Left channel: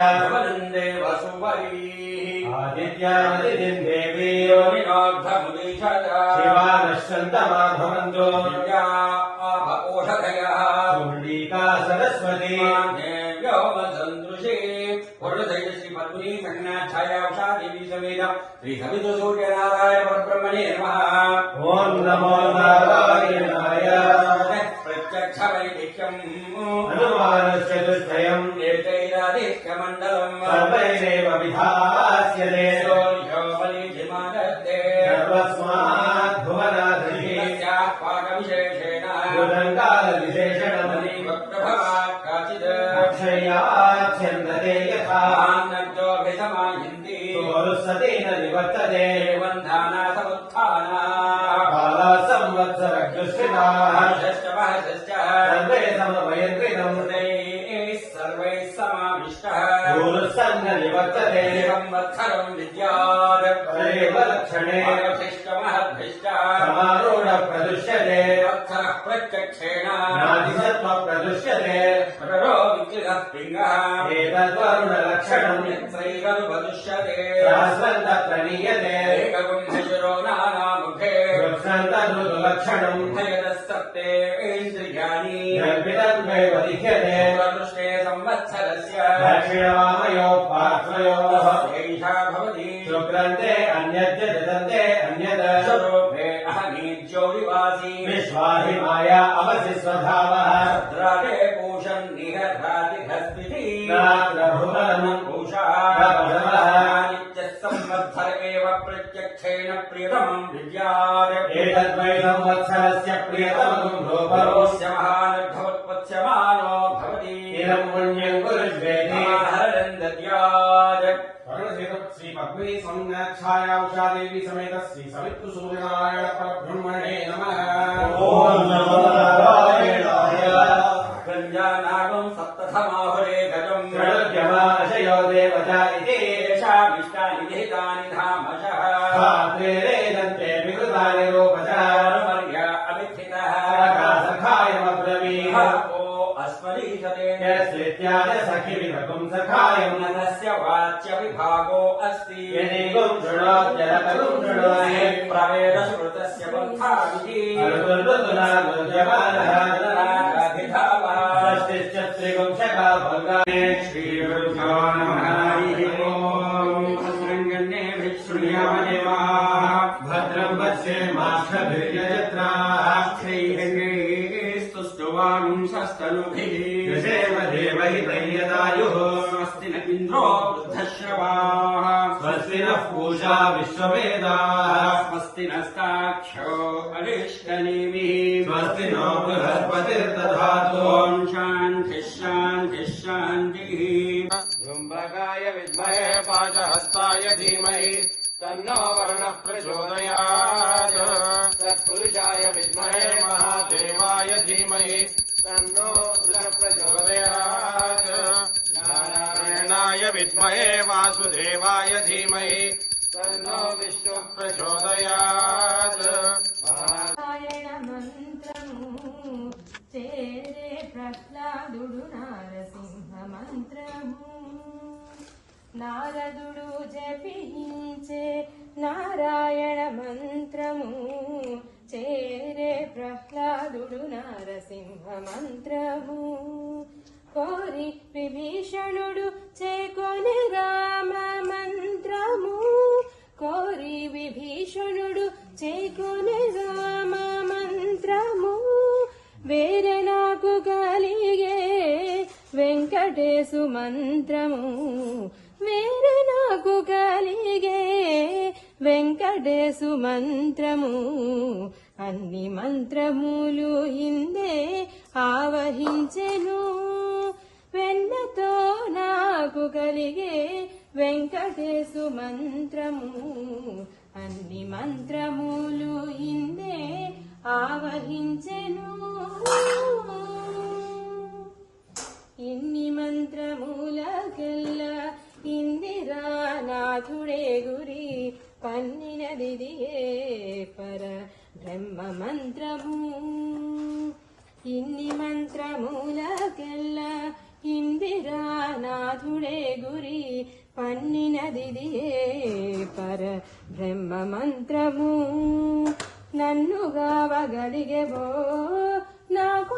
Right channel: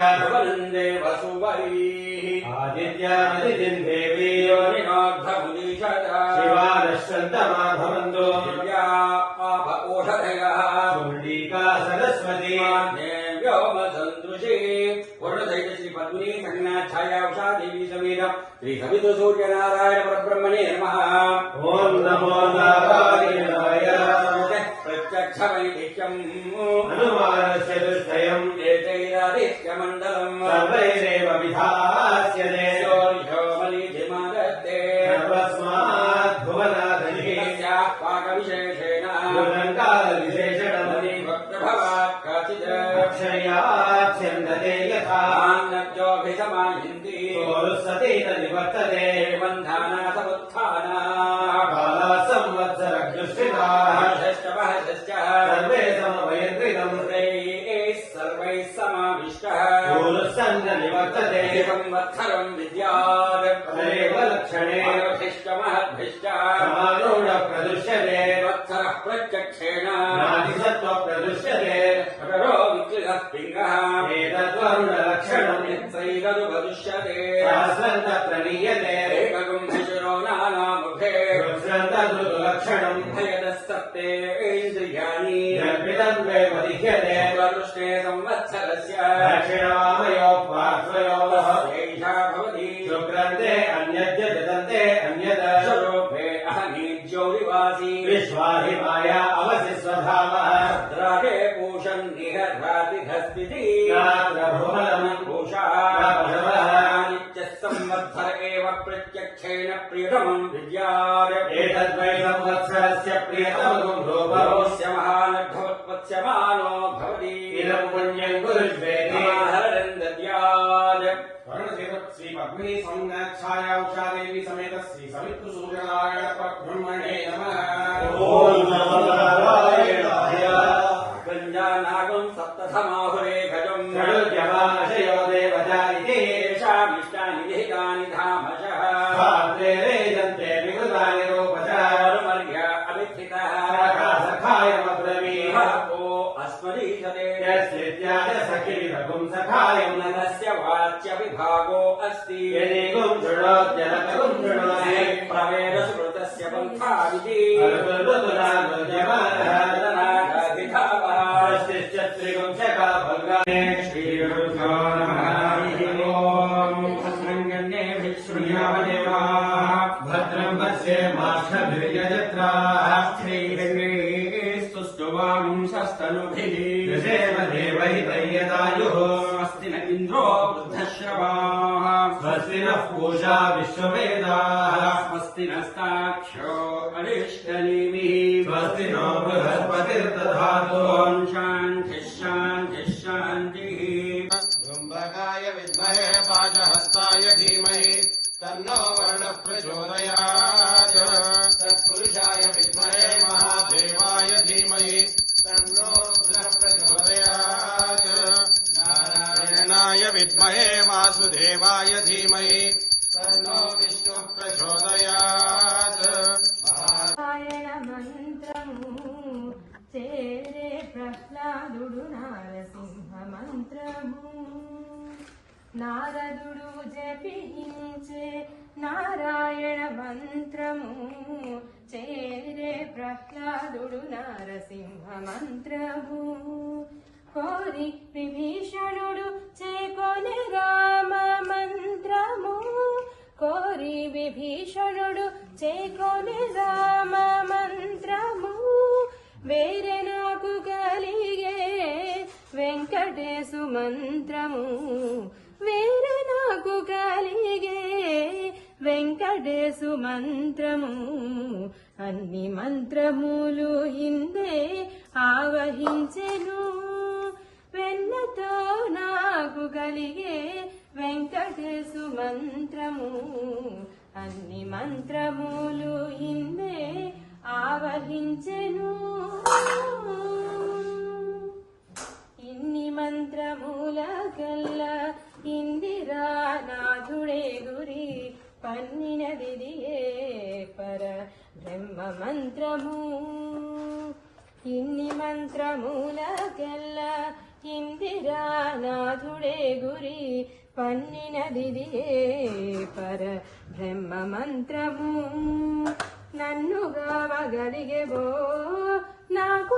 वन्दे वसुवरी आदित्यावतिं देवी शिवानश्चन्दमा भवन्तु ओषधयः चण्डिका सरस्वती व्योमसन्दृशे वरुणधैर्यश्री पद्मिनी कन्या छाया उषा देवी समेत श्री सवितु सूर्यनारायण परब्रह्मणे नमः। ओम नमो नारायणाय प्रत्यक्षवैदिक्यम् अनुमानश्चतुष्टयम् एतैरादित्यमण्डलम् सर्वैरेव विधास्यते सर्वस्मात् भुवनाधीशः पाकविशेषेण कालविशेषणमणिवक्प्रभवात् काचित् अक्षयाच्छन्दते यथा आनन्दोऽभिसमायन्ति सोरुसतेन निवर्तते बन्धानाथमुत्थाना कालसंवत्सरदृष्टिनाः सर्वे समवयन्त्रिणम् सर्वैः समाविष्टः सोरुसन्न निवर्तते संवत्सरम् विद्यात् तदेव लक्षणे महद्भिष्टः समारूढ प्रदृश्यते वत्सरः प्रत्यक्षेण नादिसत्त्व प्रदृश्यते पिङ्गः एतद्वर्णलक्षणम् यत्रैरनुपदुष्यते सहस्रन्त प्रणीयते एकगुम्भिशिरो नानामुखे लक्षणम् भयदस्तप्ते इन्द्रियाणि कल्पितम् वैपदिह्यते वरुष्णे संवत्सरस्य दक्षिणवामयोः एषा भवति शुभ्रन्ते अन्यद्य जगन्ते अन्यद स्वरूपे अहनीज्योतिवासी विश्वाहि माया अवसि स्वभावः राजे पूषन् निरघातिधस्पिति नात्रभुवनम् पूषा नित्यः संवत्सर एव प्रत्यक्षेण प्रियतमम् विद्यात् एतद्वै संवत्सरस्य प्रियतमम् भवस्य महानर्घवत्पत्स्यमानो भवति इदम् पुण्यम् कुरुष्वेति महाहरन् दद्यात् श्री पद्मिनी संज्ञाच्छाया उषा देवी समेत श्री सवितु सूर्यनारायण परब्रह्मणे नमः। ओम नमो नारायणाय गञ्जानागम् सप्तथमाहुरे गजम् षडुर्यमाशयो देवता इति येषामिष्टानि विहितानि धामशः वेदन्ते विकृतानि रूपशः अनुमर्य अविथितः सखायमब्रवीत् अस्मदीयते यस्लित्याय सखीरकम् सखायम् मनस्य वाच्यविभागो अस्ति यदेकम् शृणोत्यनतरम् शृणोति प्रवेदश्रुतस्य पन्थाविति श्रीगुंशका भङ्गाय श्रीगुरुभ्यो नमः। भद्रङ्गण्येभिः श्रूयामदेवाः भद्रम् पश्येमाक्षभिर्यजत्राः श्रीरङ्गैस्तुष्टुवांशस्तनुभिः यशेम देवहितैर्यदायुः स्वस्ति न इन्द्रो वृद्धश्रवाः स्वस्ति नः पूषा विश्ववेदाः स्वस्ति नस्ताक्षो अरिष्टनेमिः स्वस्ति नो बृहस्पतिर्दधातु ॐ शान्तिः शान्तिः शान्तिः धूम्रकाय विद्महे पाशहस्ताय धीमहि तन्नो वर्णः प्रचोदयात् तत्पुरुषाय विद्महे महादेवाय धीमहि तन्नो रुद्रः प्रचोदयात् नारायणाय विद्महे वासुदेवाय धीमहि तन्नो विष्णुः प्रचोदयात् నారాయణ మంత్రము చేరే ప్రహ్లాదుడు నారసింహ మంత్రము నారదుడు జపించే నారాయణ మంత్రము చేరే ప్రహ్లాదుడు నారసింహ మంత్రము కోరి విభీషణుడు చేకొని రామ మంత్రము కోరి విభీషణుడు చేకొని రామ మంత్రము వేరే నాకు కలిగే వెంకటేశు మంత్రము వేరే నాకు కలిగే వెంకటేశు మంత్రము అన్ని మంత్రములు ఇందే ఆవహించెను వెన్నతో నాకు కలిగే వెంకటేశు మంత్రము అన్ని మంత్రములు ఇందే ఆవహించెను ఇన్ని మంత్రముల కల్లా ఇందిరానాథుడే గురి పన్నినదిదియే పర బ్రహ్మ మంత్రము ఇన్ని మంత్రములకెల్లా ఇందిరానాథుడే గురి పన్నినదిదియే పర బ్రహ్మ మంత్రము నన్ను గావగలిగెవో నాకు